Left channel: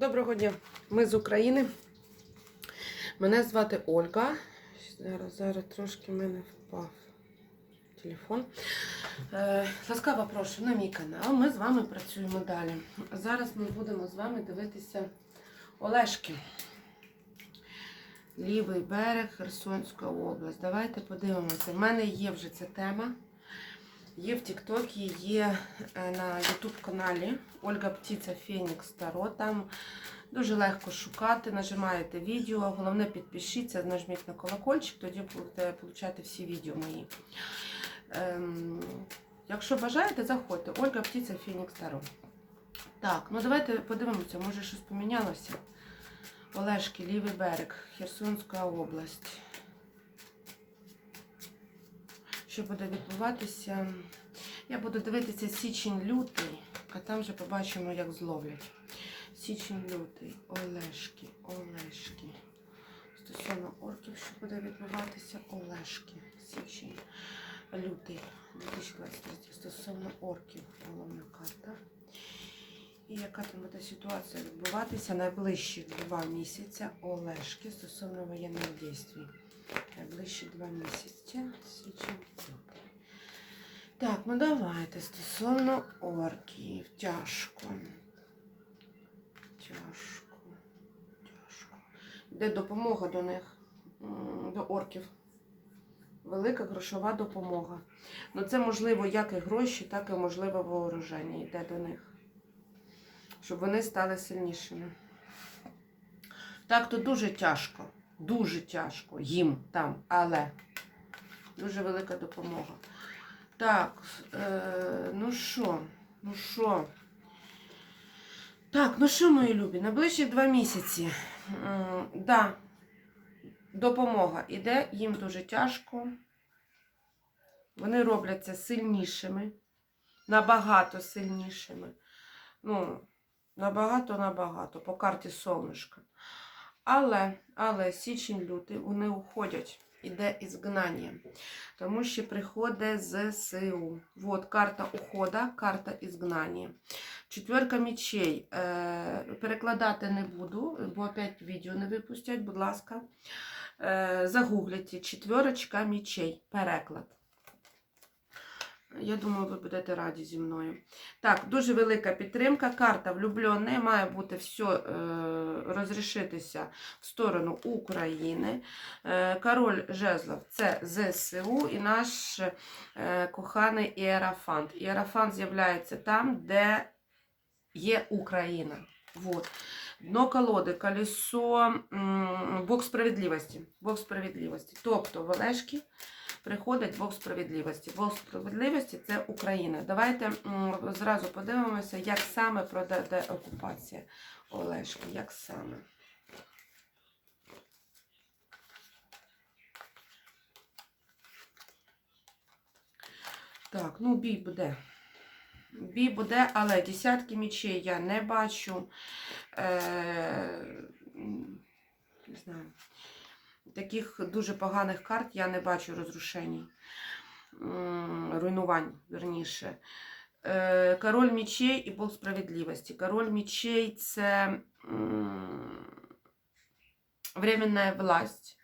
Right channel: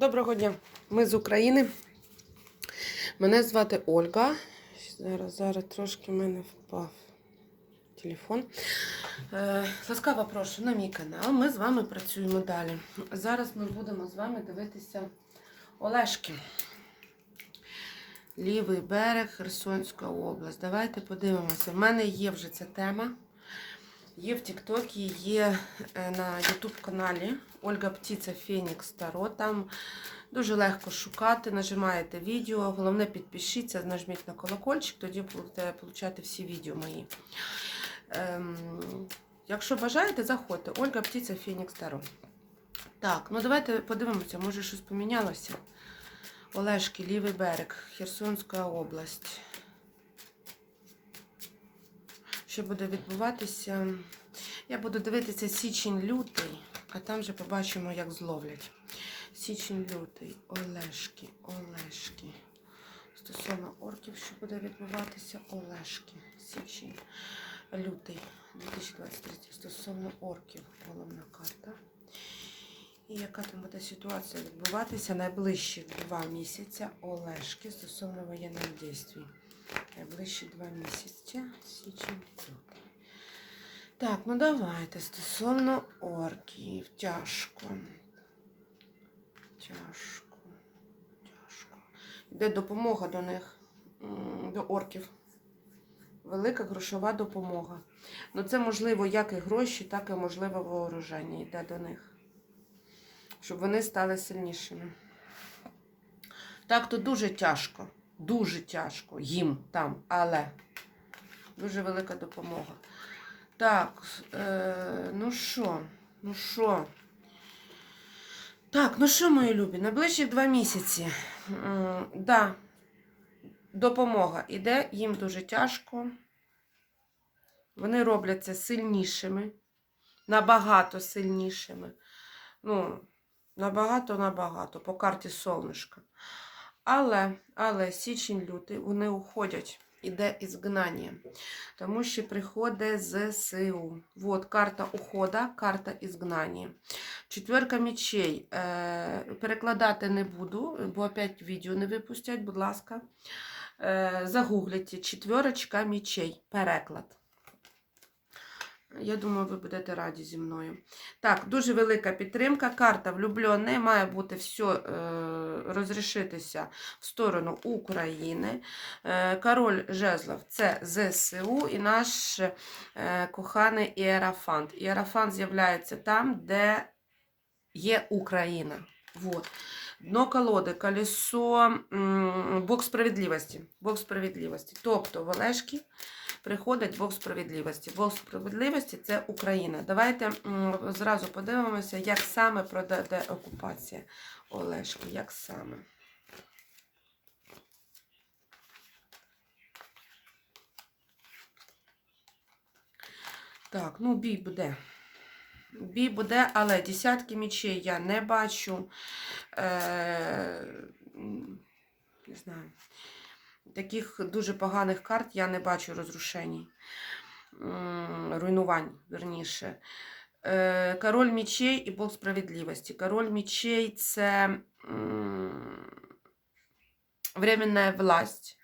Доброго дня, ми з України. Мене звати Ольга. Зараз, зараз трошки в мене впав телефон. Е, ласкаво прошу на мій канал. Ми з вами працюємо далі. Зараз ми будемо з вами дивитися Олешки. Лівий берег, Херсонська область. Давайте подивимося. В мене є вже ця тема. Є в Тіктокі, є е, на Ютуб каналі Ольга Птиця Фенікс Таро. Там дуже легко шукати, нажимаєте відео. Головне підпишіться, нажміть на колокольчик, тоді будете отримати всі відео мої. Ем, якщо бажаєте, заходьте. Ольга Птиця Фенікс Таро. Так, ну давайте подивимося, може щось помінялося. Олешки, лівий берег, Херсонська область. Що буде відбуватися? Я буду дивитися січень-лютий, а там вже побачимо, як зловлять. Січень-лютий, Олешки, Олешки. Стосовно орків, що буде відбуватися, Олешки. Січень, лютий 2023. Стосовно орків, головна карта. І яка там буде ситуація відбуватися найближчі два місяця Олешки стосовно воєнних дій. Найближчі два місяці. Так, ну давайте стосовно орків. Тяжко. Тяжко. Тяжко. Йде допомога до них, до орків. Велика грошова допомога. Ну це можливо як і гроші, так і можливо вооруження йде до них. Щоб вони стали сильнішими. Так, то дуже тяжко. Дуже тяжко їм там, але дуже велика допомога. Так, е, ну що, ну що? Так, ну що, мої любі, найближчі два місяці. М, да, допомога іде, їм дуже тяжко. Вони робляться сильнішими, набагато сильнішими. Ну, набагато-набагато по карті сонечка. Але, але січень-лютий вони уходять. Іде ізгнання, тому що приходить ЗСУ. Вот карта ухода, карта ізгнання. Четверка мечей. Е, перекладати не буду, бо опять відео не випустять, будь ласка. Е, загугліть четверочка мечей. Переклад. Я думаю, ви будете раді зі мною. Так, дуже велика підтримка. Карта влюблений. Має бути все е, розрішитися в сторону України. Е, король жезлов це ЗСУ і наш е, коханий Іерафант. Іерафант з'являється там, де є Україна. Вот. Дно колоди, колесо, м, Бог справедливості. Бог справедливості. Тобто в Олешки приходить Бог справедливості. Бог справедливості це Україна. Давайте зразу подивимося, як саме пройде окупація Олешки. Як саме. Так, ну бій буде. Бій буде, але десятки мічей я не бачу. Е, не знаю. Таких дуже поганих карт я не бачу розрушень. Руйнувань, верніше. Е, Король мечей і Бог справедливості. Король мечей це м, временная власть.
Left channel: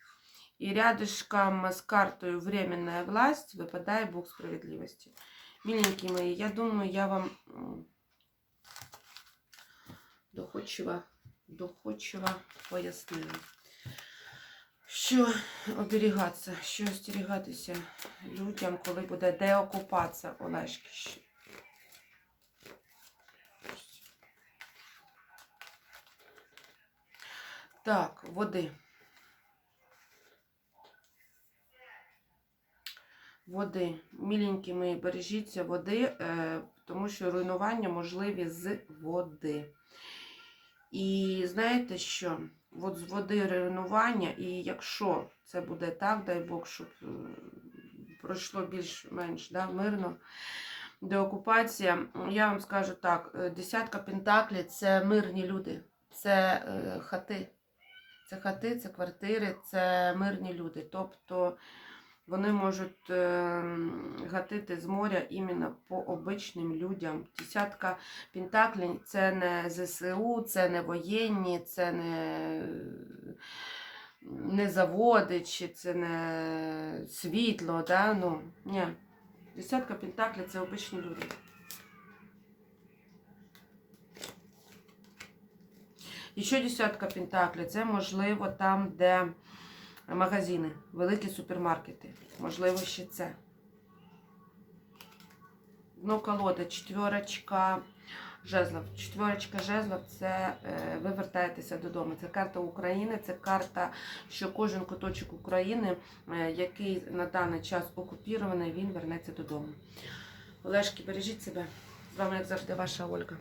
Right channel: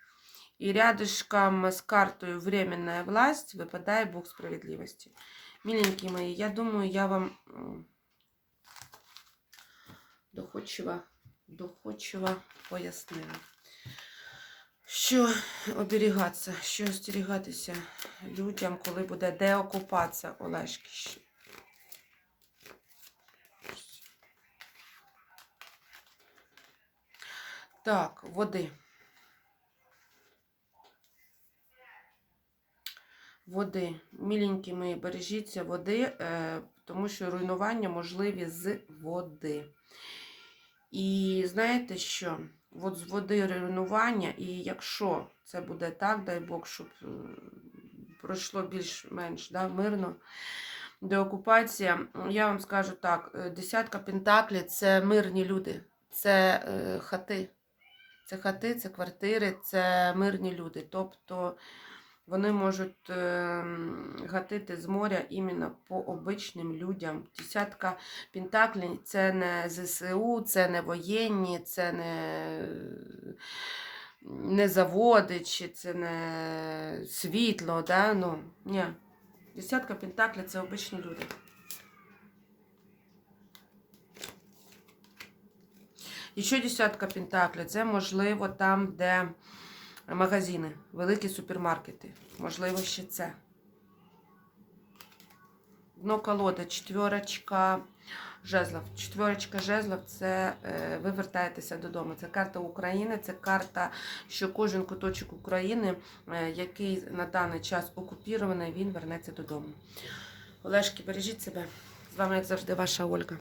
І рядышком з картою временная власть випадає Бог справедливості. Миленькі мої, я думаю, я вам доходчиво, доходчиво пояснила. Що оберігатися, що остерігатися людям, коли буде деокупація Олешки. Так, води. Води. Міленькі мої, бережіться води, е, тому що руйнування можливі з води. І знаєте що? От з води руйнування, і якщо це буде так, дай Бог, щоб е, пройшло більш-менш да, мирно. Деокупація, я вам скажу так: е, десятка пентаклів це мирні люди, це е, хати. Це хати, це квартири, це мирні люди. Тобто Вони можуть е, гатити з моря іменно по обичним людям. Десятка пентаклів це не ЗСУ, це не воєнні, це не, не заводи, чи це не світло. Да? Ну, ні. Десятка пентаклів це обичні люди. І ще десятка пентаклів це можливо там, де магазини, великі супермаркети. Можливо, ще це. Дно колода, четверочка жезлов. Четверочка жезлов це е, ви вертаєтеся додому. Це карта України, це карта, що кожен куточок України, е, який на даний час окупірований, він вернеться додому. Олешки, бережіть себе. З вами, як завжди, ваша Ольга.